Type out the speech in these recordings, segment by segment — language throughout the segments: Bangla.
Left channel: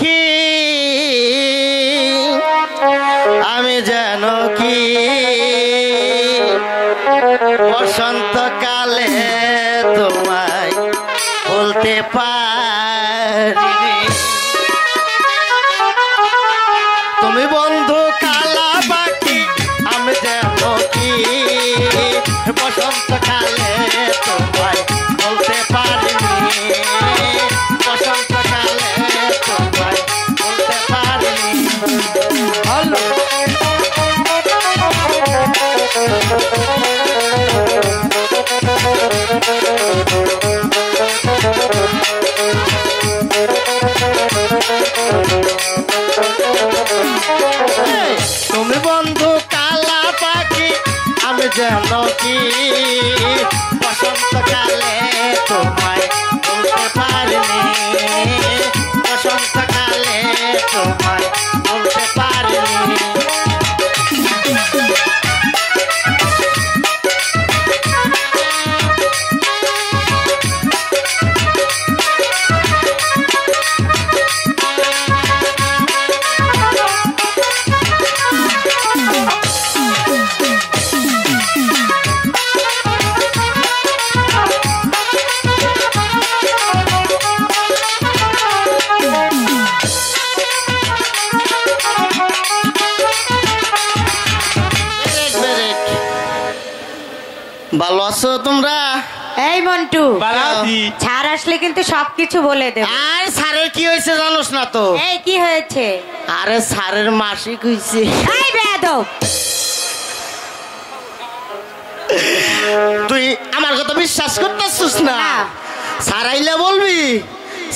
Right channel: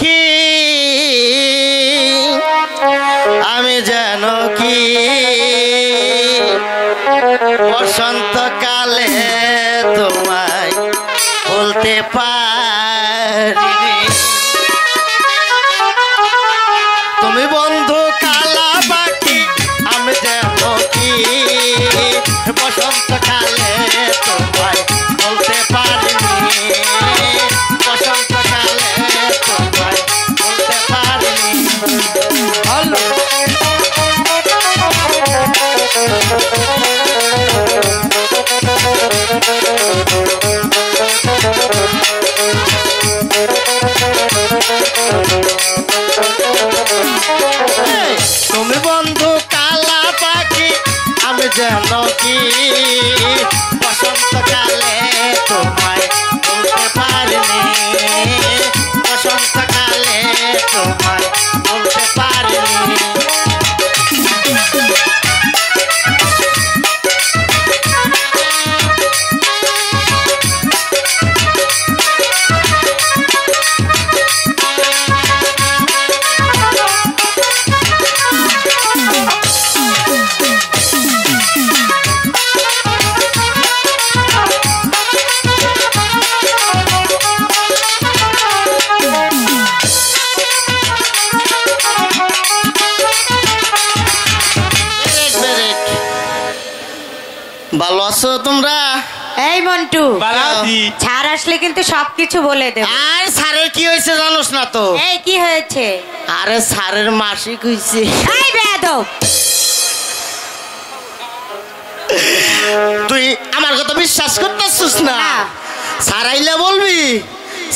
পাখি আমি যেন কি বসন্তকালে তোমায় বলতে পারি তুমি বন্ধু কালা পাখি আমি যেন কি বসন্তকালে তোমায় বলতে পারিনি বসন্তকালে তোমায় বলতে পারিনি হ্যালো তুমি বন্ধু কালা পাখি আমি যেন কি বসন্তকালে তোমায় বলতে পারিনি বসন্তকালে তোমায় বলতে পারিনি ভালো আছো তোমরা? এই মন্টু ছাড় আসলে কিন্তু সবকিছু বলে দেব। আর স্যারের কি হয়েছে জানোস না তো? এই কি হয়েছে? আরে স্যারের মাসিক হয়েছে। এই বেয়াদব তুই আমার কথা বিশ্বাস করতেছিস না? স্যার আইলে বলবি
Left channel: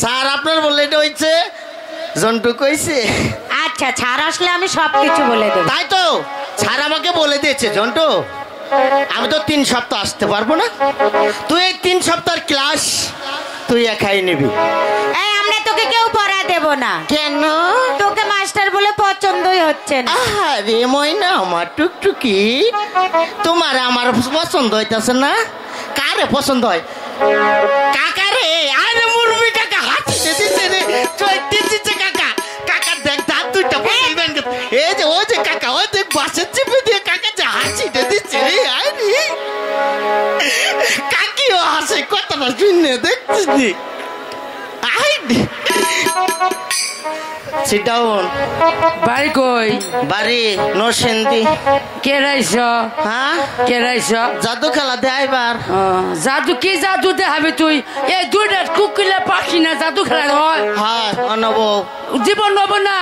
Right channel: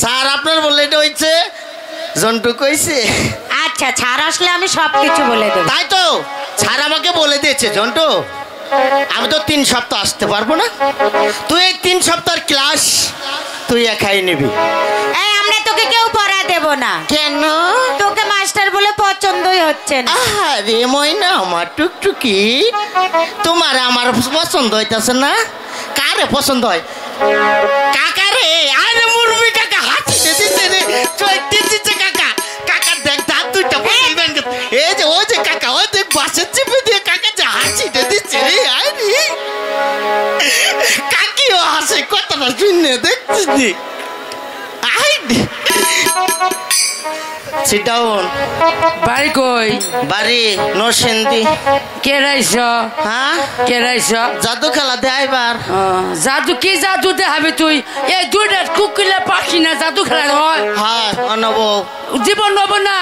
স্যার আপনার বললে এটা হয়েছে জন্টু কইছে। আচ্ছা ছাড় আসলে আমি সবকিছু বলে দেব। তাই তো স্যার আমাকে বলে দিয়েছে জন্টু আমি তো 3 সপ্তাহ আসতে পারবো না তুই এই 3 সপ্তাহের ক্লাস তুই একাই নিবি। এই আমরা তোকে কেউ পড়া দেব না। কেন? তোকে মাস্টার বলে পছন্দই হচ্ছে না। আরে ময়না আমার টুকটুকি তোমার আমার পছন্দ হইতাছে না? কারে পছন্দ হয়? কাকা রে। আরে মুরবি কাকা হাসি দিচ্ছে রে চৈতে দিচ্ছে কাকা। কাকা দেখ দাঁত দুইটা পছন্দ এই যে ওই যে কাকা ওই দেখ বাসের চেপে দিয়ে কাকা যে হাসি দিচ্ছে রে। আরে কাকিও হাসে কতটা শুনে দেখছিস নি? Sit down. বাড়ি কই? বাড়ি নরসিংদী। কে রাইছ? হ্যাঁ কে রাইছ? জাদু খেলা দে আইবার। জাদু কি জাদু দেখাবি তুই? এই দুইটা কুকিলা পাখি না জাদু খেলা হয়? হ্যাঁ অনব জীবন নব না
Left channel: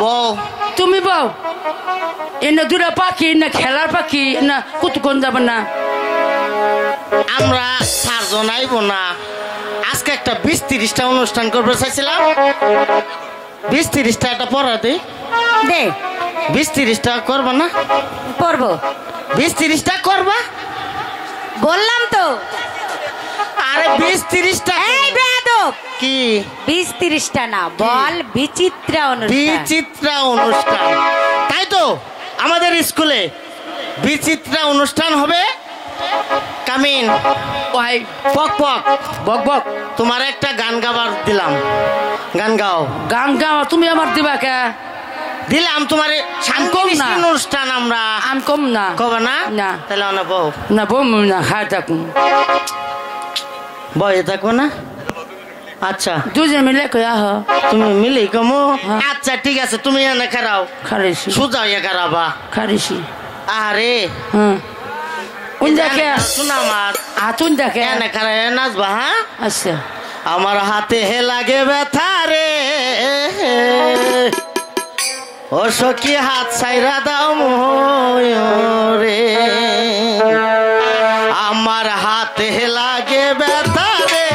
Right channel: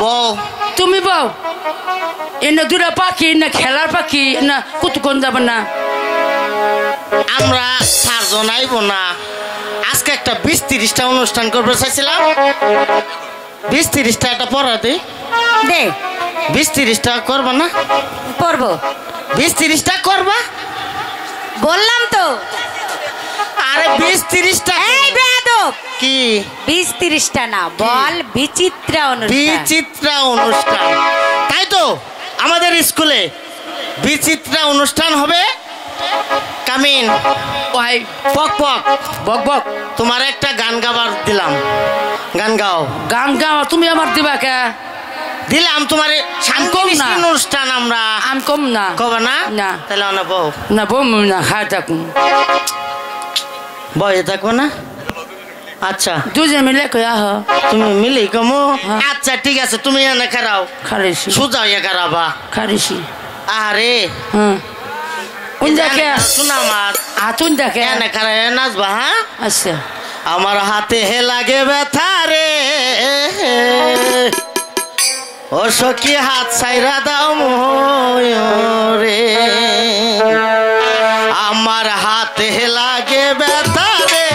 বউ তুমি বউ এনে দুটা পাখি না খেলার পাখি না কুতুকন যাব না আমরা 4 জন আইব না আজকে একটা 20-30টা অনুষ্ঠান করতে চাইছিলাম 20-30টা একটা পড়া দে দে 20-30টা করবা না? পড়বো 20-30টা করবা বললাম তো। আরে 20-30টা এই বেয়াদব কি 20-30টা না বল বিচিত্রা অনুষ্ঠান। বিচিত্রা অনুষ্ঠান তাই তো আমাদের স্কুলে বিচিত্রা অনুষ্ঠান হবে। কামিন ওই পক পক বক বক তোমার একটা গান গাবার দিলাম গান গাও। গান গাও তুমি আমার দিবা কে? দিলাম তোমার কম না অনুষ্ঠান আমরা আমি কম না কবা না? না তাহলে অনা বউ না বম না খাই থাকুন বয়ে থাকো না। আচ্ছা দুজন মিলে কই আহ তুমি মিলি কমো। আচ্ছা ঠিক আছে তুমি এনে খারাও খারিছি সোজা ইয়ে খারাবা খারিছি আরে হ্যাঁ কোন দেখে শোনা আমার হাতুন দেখে এনে খারাই নাচবা। হ্যাঁ আচ্ছা আমার হাতে হে লাগে ব্যথা রে ও সখী হাত ছাইরা দাও রে আমার হাতে লাগে ব্যথা রে